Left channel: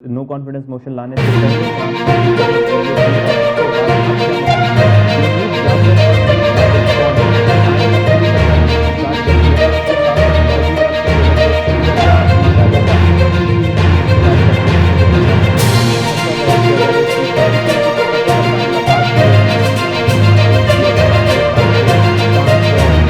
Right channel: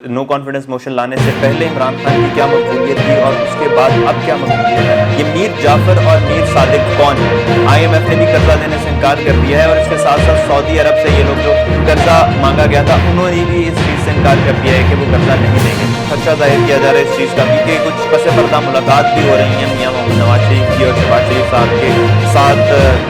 No confidence motion लाने से पहले इमरान खान की क्या मकबूलियत थी और उसके बाद अब क्या मकबूलियत है। ये मीर जाफर और मीर सादिक कौन है। IMF ने भी कर्जा लेने से इनकार कर दिया है और इसके साथ साथ सऊदी अरब से ये लोग जो कर्जा मांगा गया था उन्होंने भी इस चीज़ से इनकार कर दिया है कि वो कर्जा नहीं देंगे। खर्चा जाहिर किया जा रहा है इस चीज़ का, क्योंकि कुछ पसे पर्दा मुलाकात भी हो रही है मियां मोहम्मद नवाज शरीफ की और शहबाज शरीफ साहब के साथ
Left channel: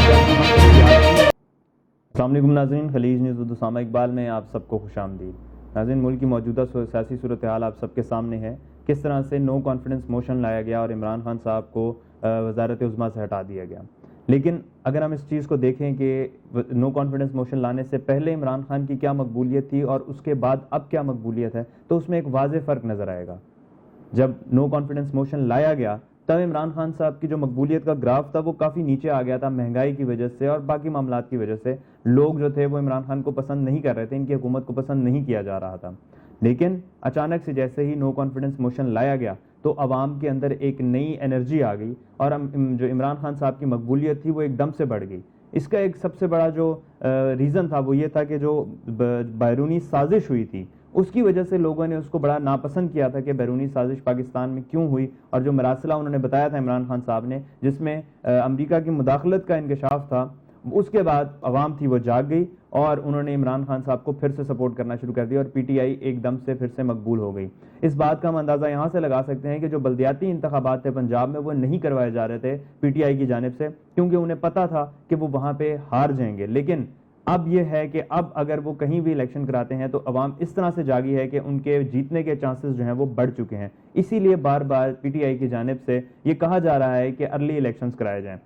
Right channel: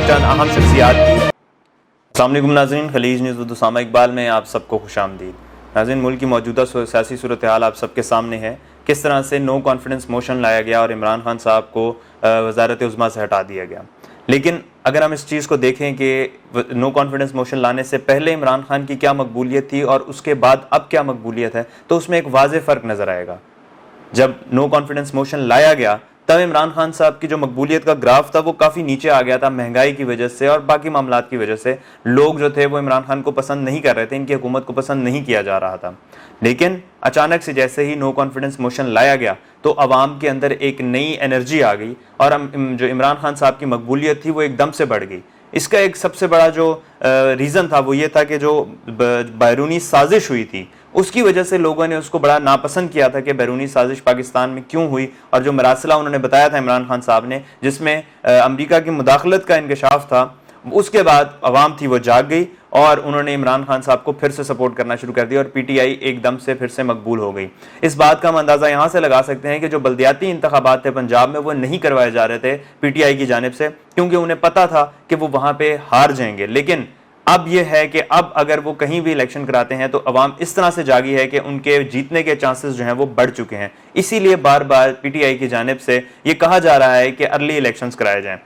चंद अहम शख्सियात की। अस्सलाम वालेकुम नाज़रीन, खलीज न्यूज़ विद उसामा इकबाल में आप सबको खुशामदीद। नाज़रीन, मुल्क की मौजूदा सियासी सूरत हाल आप सबके सामने है। किस तरह से नो कॉन्फिडेंस मोशन लाया गया और इमरान खान साहब को वज़ारत उज़्मा से हटा दिया गया। लेकिन अगर हम इस चीज़ को देखें कि नो कॉन्फिडेंस मोशन लाने से पहले इमरान खान की क्या मकबूलियत थी और उसके बाद अब क्या मकबूलियत है, तो उसमें एक वाज़ेह फ़र्क नज़र आएगा। जब नो कॉन्फिडेंस मोशन लाया गया तब इमरान खान साहब की जो मकबूलियत का ग्राफ था वो काफ़ी नीचे आ गया था, महंगाई की वजह से और बाकी मामलात की वजह से। लोग जो थे वो इमरान खान को पसंद नहीं कर रहे थे, इनकी हुकूमत को पसंद नहीं किया जा रहा था। लेकिन अचानक से जैसे ही नो कॉन्फिडेंस मोशन लाया गया तो अवाम के अंदर एक नई एनर्जी आ गई और जो इमरान खान साहब की मकबूलियत थी वो एकदम से बढ़ गई। इसका एक सबसे बड़ा जो रीज़न था वो ये था कि जो बैरूनी साजिश हुई थी उसकी वजह से लोगों ने उसको बड़ा नापसंद किया था कि बैरूनी साजिश पाकिस्तान में क्यों हुई, और जो मरासला उन्होंने बताया था इमरान खान साहब ने जिसमें अमेरिका की मुदाखलत का इंकशाफ था, उसके बाद अवाम थी वो जाग गई और उन्होंने इमरान खान साहब को फिर से सपोर्ट करना शुरू कर दिया और PTI एकदम से फिर से मकबूल हो गई। इस बात का हम अंदाज़ा यहाँ से लगा सकते हैं कि जो बल्दियाती इंतखाबात थे पंजाब में वो नहीं करवाए जा रहे थे PTI की जानिब से, क्योंकि उन्हें पता था कि वो वहाँ पे हार जाएंगे। लेकिन अब यह है कि अब अगर वो कहीं भी इलेक्शन कराते हैं तो अवाम इस तरह से जागी है कि उनके जीतने के चांसेस जो हैं वो बढ़ चुके हैं। इसीलिए बार बार PTI की जानिब से ये कहा जा रहा है कि अर्ली इलेक्शंस कराए जाएं।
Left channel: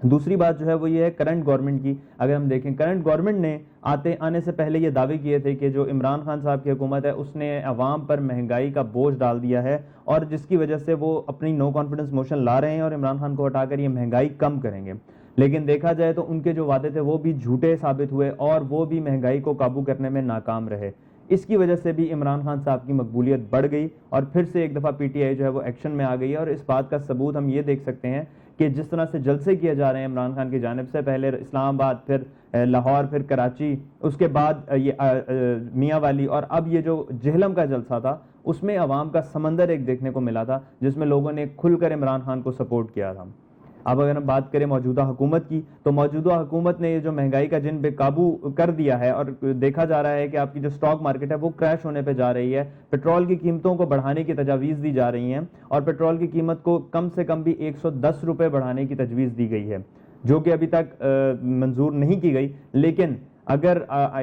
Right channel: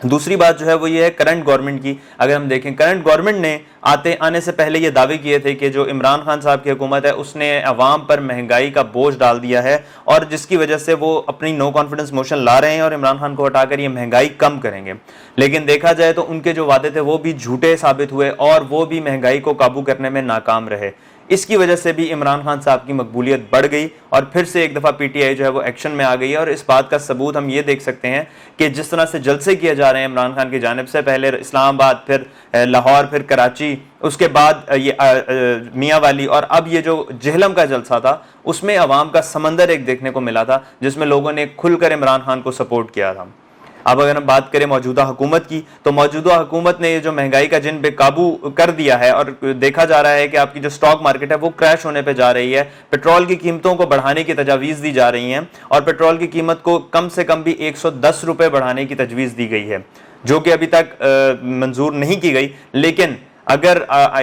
दूसरी बात जो है वो ये है करंट गवर्नमेंट की। अगर हम देखें, करंट गवर्नमेंट ने आने से पहले ये दावे किए थे कि जो इमरान खान साहब की हुकूमत है उसने अवाम पर महंगाई का बोझ डाल दिया है और जिसकी वजह से वो अपनी नो कॉन्फिडेंस मोशन ला रहे हैं और इमरान खान को हटाकर ये महंगाई कम करेंगे। लेकिन देखा जाए तो उनके जो वादे थे वो भी झूठे साबित हुए और वो भी महंगाई को काबू करने में नाकाम रहे। इसकी वजह से भी इमरान खान साहब की मकबूलियत बढ़ गई और फिर से एक दफ़ा PTI जो है वो एक्शन में आ गई है। और इस बात का सबूत हम ये देख सकते हैं कि जिस तरह से जलसे किए जा रहे हैं इमरान खान की जानिब से, पहले इस्लामाबाद, फिर लाहौर, फिर कराची, उसके बाद ये मियाँ वाली और अब ये जो जेहलम का जलसा था उसमें अवाम का समंदर एक देखने को मिला था जिसमें लोगों ने खुलकर इमरान खान को सपोर्ट किया था। अब अगर हम बात करें मौजूदा हुकूमत की तो मौजूदा हुकूमत ने ये जो महंगाई का जिन बेकाबू कर दिया है और देखा जा रहा है कि आपकी जो स्टॉक मार्केट है वो क्रैश होने पे जा रही है। पेट्रोल की कीमतों को बढ़ाने की तजावीज़ दी जा रही हैं और पेट्रोल की कीमत को कम से कम भी 110 रुपये बढ़ाने की तजवीज़ दी गई है, जो कि अभी तक मंजूर नहीं की गई। लेकिन अगर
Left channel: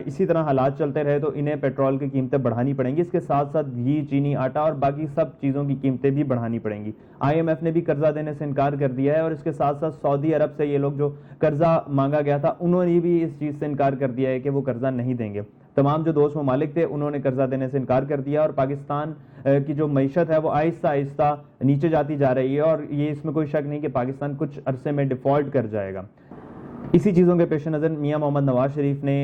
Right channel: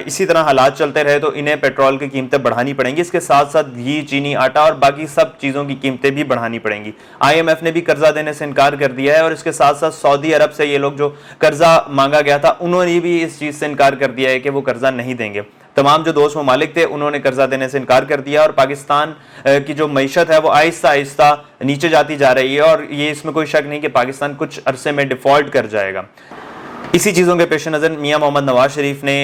इसी तरह हालात चलते रहे तो इन्हें पेट्रोल की कीमतें बढ़ानी पड़ेंगी। इसके साथ साथ घी, चीनी, आटा और बाकी सब चीज़ों की कीमतें भी बढ़ानी पड़ेंगी। IMF ने भी कर्जा देने से इनकार कर दिया है और इसके साथ साथ सऊदी अरब से ये लोग जो कर्जा मांगा गया था उन्होंने भी इस चीज़ से इनकार कर दिया है कि वो कर्जा नहीं देंगे। तमाम जो दोस्त ममालिक थे उन्होंने कर्जा देने से इनकार कर दिया और पाकिस्तान की जो मईशत है वो आहिस्ता आहिस्ता नीचे जाती जा रही है और ये इसमें कोई शक नहीं कि पाकिस्तान कुछ अरसे में डिफ़ॉल्ट कर जाएगा। इसी चीज़ों के पेश नज़र मियां मोहम्मद नवाज शरीफ ने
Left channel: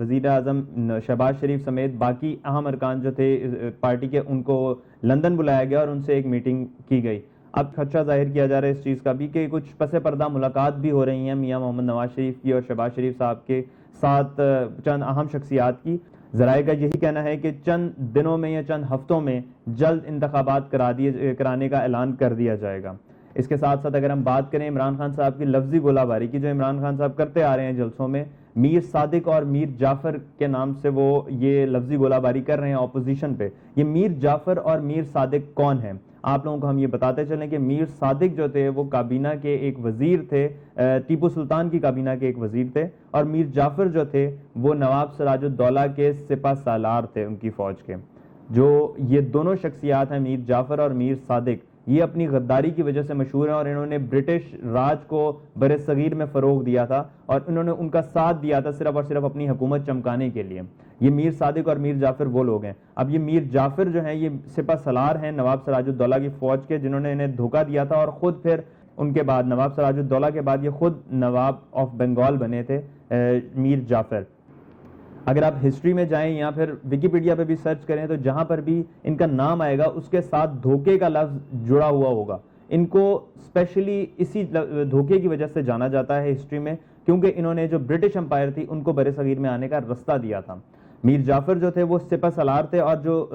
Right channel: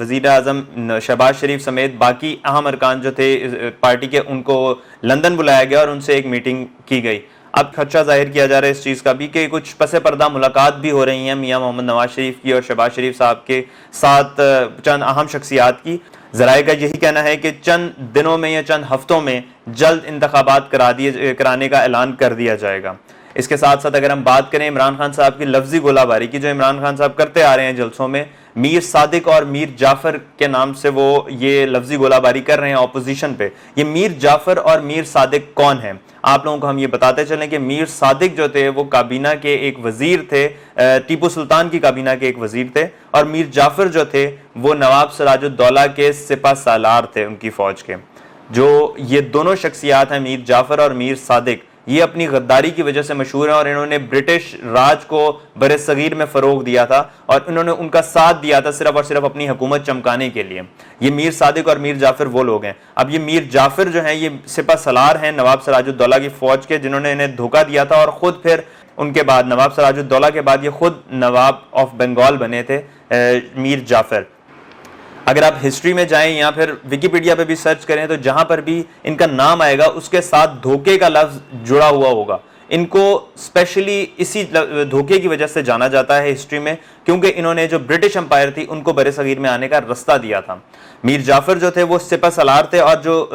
वज़ीर आज़म शहबाज शरीफ समेत बाकी अहम अरकान जो थे पार्टी के उनको लंदन बुलाया गया और उनसे एक मीटिंग की गई। अब खदशा जाहिर किया जा रहा है इस चीज़ का भी कि कुछ पसे पर्दा मुलाकात भी हो रही हैं मियां मोहम्मद नवाज शरीफ की और शहबाज शरीफ साहब के साथ चंद अहम शख्सियात की। ज़राए का यही कहना है कि चंद दिनों में या चंद हफ्तों में जल्द इंतखाबात कराने का ऐलान कर दिया जाएगा। इसके साथ साथ अगर हम बात करें इमरान खान साहब की लफ्जी गोलाबारी की, जो इमरान खान साहब करते आ रहे हैं जलसों में, मीर सादिक और मीर जाफर के नाम से वो ये लफ्जी गोलाबारी कर रहे हैं ऑपोजिशन पे। ये मीर जाफर और मीर सादिक कौन है, आप लोगों को हम ये बताते चलें कि मीर सादिक जो थे वो काबीना के एक वजीर थे, टीपू सुल्तान की काबीना के एक वजीर थे, और मीर जाफर जो थे वो नवाब सिराजुद्दौला के सिपा सालार थे उनकी फौज के। जो ये दोनों शख्सियात हैं मीर जाफर और मीर सादिक, ये अपनी गद्दारी की वजह से मशहूर है और इन्होंने ब्रिटिश राज को बरे सगीर में फ़रोग दिया था और इन्होंने उनका साथ दिया था सिर्फ और सिर्फ अपनी हुकूमत चमकाने के लिए। ये मीर सादिक और मीर जाफर वो लोग हैं। अब ये मीर जाफर जो हैं ये सिपा सलार हैं नवाब सिराजुद्दौला की फ़ौज के, जिन्होंने इन्हें धोखा दिया था और ख़ुद फिर उनके बाद नवाब सिराजुद्दौला के बाद ये खुद नवाब ऑफ बंगाल बने थे मीर जाफर। अगर आप हिस्ट्री में जाएं या फिर विकिपीडिया पे भी सर्च करें तो जहां पर भी इनका नाम आएगा उसके साथ धोखे का लफ्ज जुड़ा हुआ होगा। इनको स्पेशली इसी धोखे की वजह से जाना जाता है हिस्ट्री में, क्योंकि इन्होंने जो ब्रिटिश एम्पायर थी उनको बरे सगीर में आने का रास्ता दिया था। मीर जाफर जो थे वो सिपह सलार थे, और जो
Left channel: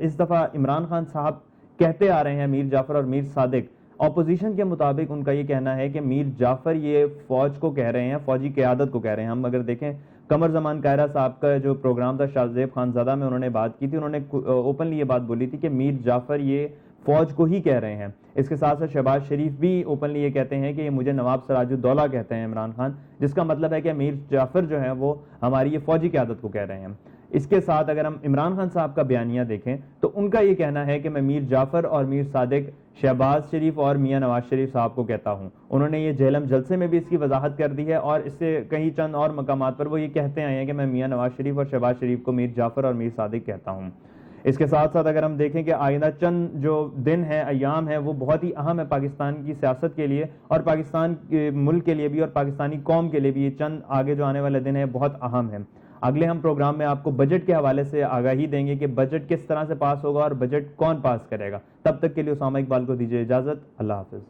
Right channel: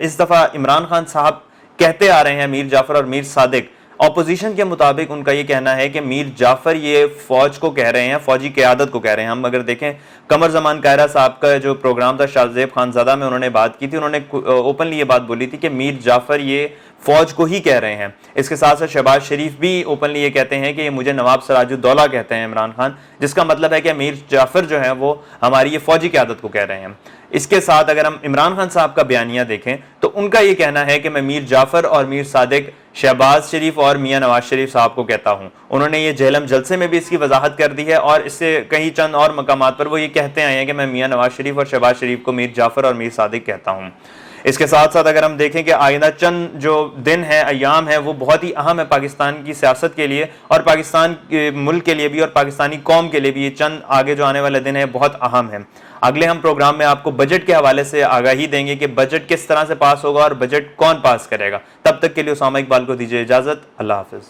इस दफा इमरान खान साहब कहते आ रहे हैं, मीर जाफर और मीर सादिक, ऑपोजिशन के मुताबिक उनका ये कहना है कि मीर जाफर ये फौज को कह रहे हैं, फौजी क़यादत को कह रहे हैं। हम अगर देखें कमर जमान कायरा साहब का जो प्रोग्राम था शाहजेब खानजादा में, उन्होंने बात की थी, उन्होंने ओपनली ये बात बोली थी कि मीर जाफर ये फौज को ही कह रहे हैं। इसके साथ साथ शहबाज शरीफ भी ओपनली ये कहते हैं कि ये मुझे नवाब सिराजुद्दौला कहते हैं इमरान खान, जिसका मतलब है कि मीर जाफर जो है वो हमारी ये फौजी क़यादत को कह रहे हैं। इसके साथ अगर हम इमरान खान साहब का बयानिया देखें तो उनका ये कहना है कि मैं मीर जाफर और मीर सादिक शहबाज शरीफ और मियां नवाज शरीफ साहब को कहता हूं। उन्होंने ये जेहलम जलसे में भी इसकी वजाहत कर दी है, और इससे कहीं चंद और मकामात पर वो ये कहते आए हैं कि मैं मियां नवाज शरीफ और शहबाज शरीफ को मीर जाफर और मीर सादिक कहता हूं। इसके साथ साथ अगर हम देखें कि आइंदा चंद जो दिन है, अयाम है, वो बहुत ही अहम है पाकिस्तान की सियासत के लिए और पाकिस्तान के मुल्क के लिए भी और पाकिस्तानी कौम के लिए भी। ये चंद आगे जो आने वाले दिन है बहुत अहम है। अगले हम प्रोग्राम में आपको बजट के हवाले से आगाही देंगे कि बजट किस तरह से पास होगा और बजट कौन पास करेगा। तब तक के लिए उसामा इकबाल को दीजिए इजाजत। अल्लाह हाफिज।